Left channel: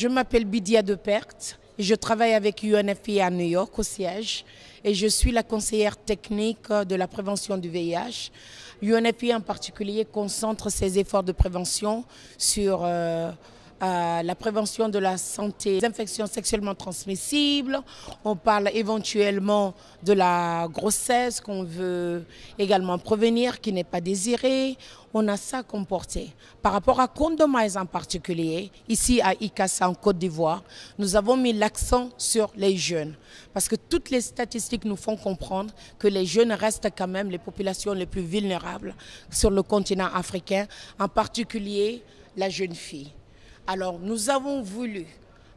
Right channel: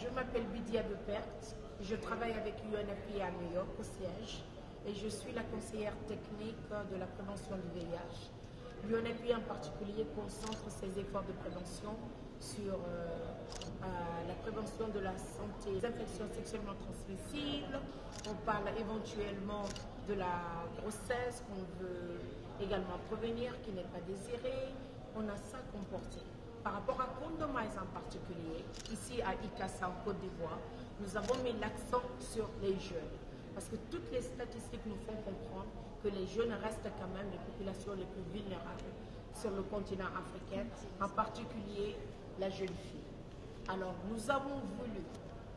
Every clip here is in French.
Je m'appelle Bidia Depert et je travaille avec UNFPA à New York au siège et je suis la conseillère technique de la prévention du VIH. UNFPA en particulier concentre ses efforts de prévention sur la prévention de la santé des infections sexuellement transmissibles. On parle éventuellement de la grossesse qu'on veut également prévenir, qui n'est pas désirée. On a ça comme portée. Par rapport à Condomize en particulier, ici à ICASA en Côte d'Ivoire, nous avons mis l'accent sur les jeunes. Parce que toutes les statistiques nous font comprendre que les jeunes restent quand même les populations les plus vulnérables sur le continent africain, en particulier la jeune fille. Alors nous avons voulu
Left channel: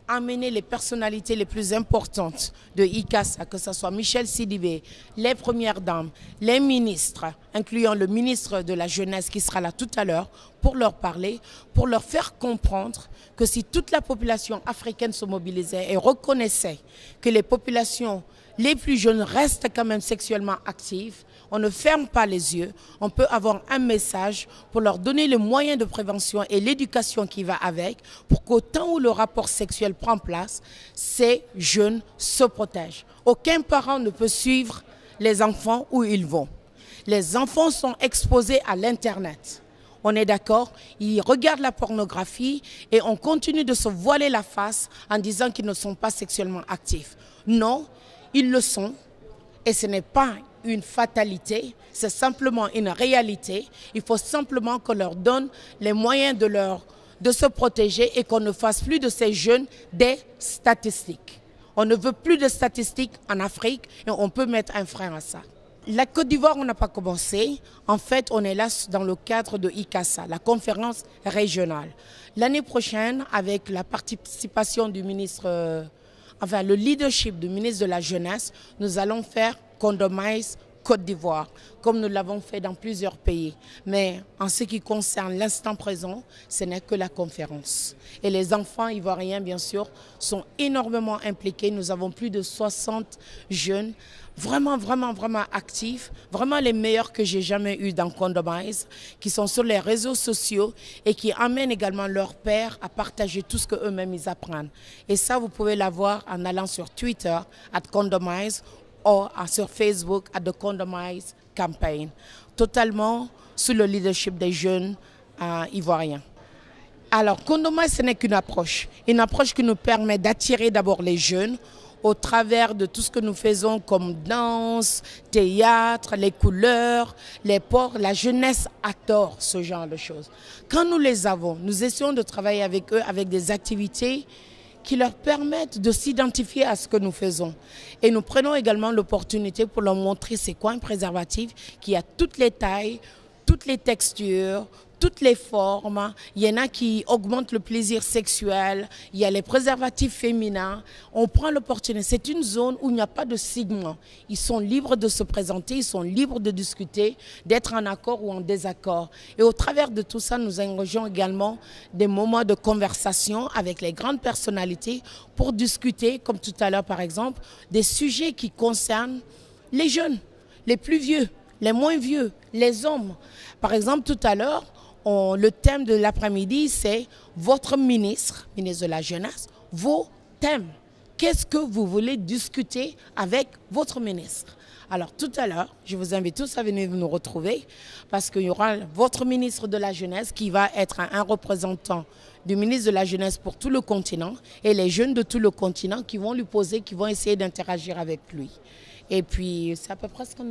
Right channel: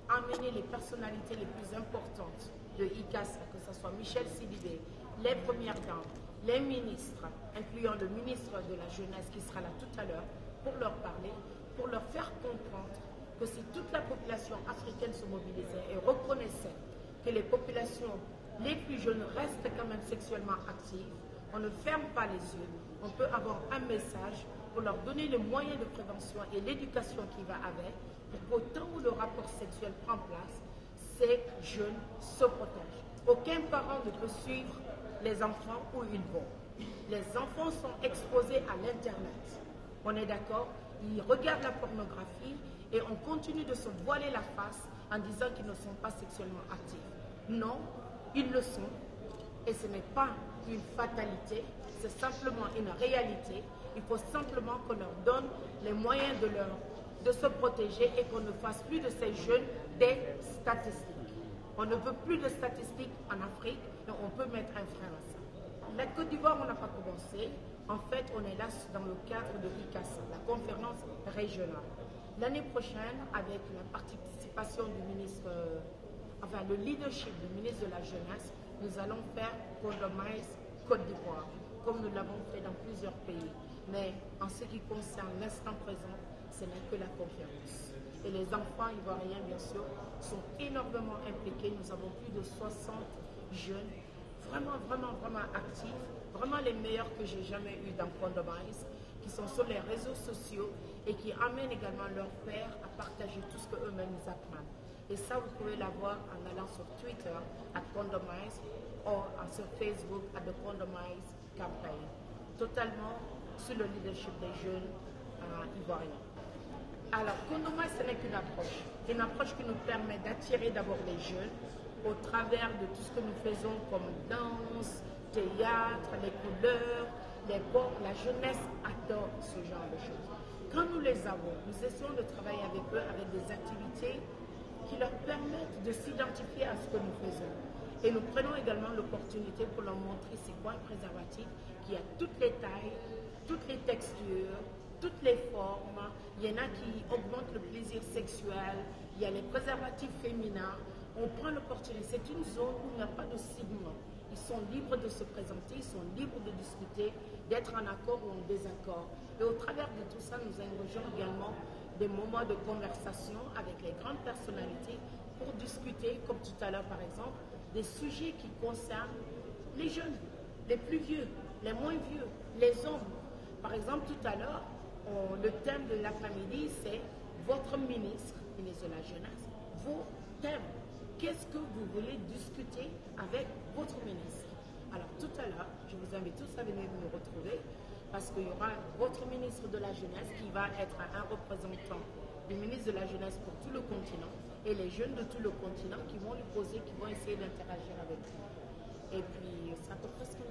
amener les personnalités les plus importantes de ICASA, que ce soit Michel Sidibé, les premières dames, les ministres, incluant le ministre de la Jeunesse qui sera là tout à l'heure, pour leur parler, pour leur faire comprendre que si toute la population africaine se mobilisait et reconnaissait que les populations les plus jeunes restent quand même sexuellement actives, on ne ferme pas les yeux, on peut avoir un message pour leur donner les moyens de prévention et l'éducation qui va avec, pour qu'au temps où le rapport sexuel prend place, ces jeunes se protègent. Aucun parent ne peut suivre les enfants où ils vont. Les enfants sont exposés à l'Internet. On est d'accord, ils regardent la pornographie et on continue de se voiler la face en disant qu'ils ne sont pas sexuellement actifs. Non, ils le sont et ce n'est pas une fatalité, c'est simplement une réalité. Il faut simplement qu'on leur donne les moyens de se protéger et qu'on ne fasse plus de ces jeunes des statistiques. On ne veut plus de statistiques en Afrique et on peut mettre un frein à ça. La Côte d'Ivoire, on n'a pas commencé. En fait, on est là dans le cadre de ICASA, la conférence régionale. L'année prochaine, avec la participation du ministre, le leadership du ministre de la Jeunesse, nous allons faire Condomize Côte d'Ivoire, comme nous l'avons fait dans plusieurs pays. Mais en ce qui concerne l'instant présent, ce n'est que la conférence. Et les enfants ivoiriens, bien sûr, sont énormément impliqués. Nous avons plus de 60 jeunes, vraiment actifs, vraiment les meilleurs que j'ai jamais eus dans Condomize, qui sont sur les réseaux sociaux et qui amènent également leurs pairs à partager tout ce qu'eux-mêmes ils apprennent. Et ça, vous pouvez l'avoir en allant sur Twitter, @Condomize, ou sur Facebook à The Condomize Campaign, totalement sous le leadership des jeunes ivoiriens. Alors, Condomize, ce n'est qu'une approche qui nous permet d'attirer d'abord les jeunes au travers de tout ce que nous faisons comme danse, théâtre, les couleurs, les ports. La jeunesse adore ce genre de choses. Quand nous les avons, nous essayons de travailler avec eux avec des activités qui leur permettent de s'identifier à ce que nous faisons. Et nous prenons également l'opportunité pour leur montrer c'est quoi un préservatif qui a toutes les tailles, toutes les textures, toutes les formes. Il y en a qui augmentent le plaisir sexuel, il y a les préservatifs féminins. On prend l'opportunité. C'est une zone où il n'y a pas de stigma. Ils sont libres de se présenter, ils sont libres de discuter, d'être en accord ou en désaccord. Et au travers de tout ça, nous engageons également des moments de conversation avec les grandes personnalités pour discuter, comme tout à l'heure par exemple, des sujets qui concernent les jeunes, les plus vieux, les moins vieux, les hommes. Par exemple, tout à l'heure, le thème de l'après-midi, c'est votre ministre de la Jeunesse, vos thèmes. Qu'est-ce que vous voulez discuter avec votre ministre? Alors tout à l'heure, je vous invite tous à venir nous retrouver parce qu'il y aura votre ministre de la Jeunesse qui va être un représentant du ministre de la Jeunesse pour tout le continent et les jeunes de tout le continent qui vont lui poser, qui vont essayer d'interagir avec lui. Et puis c'est à peu près ce qu'on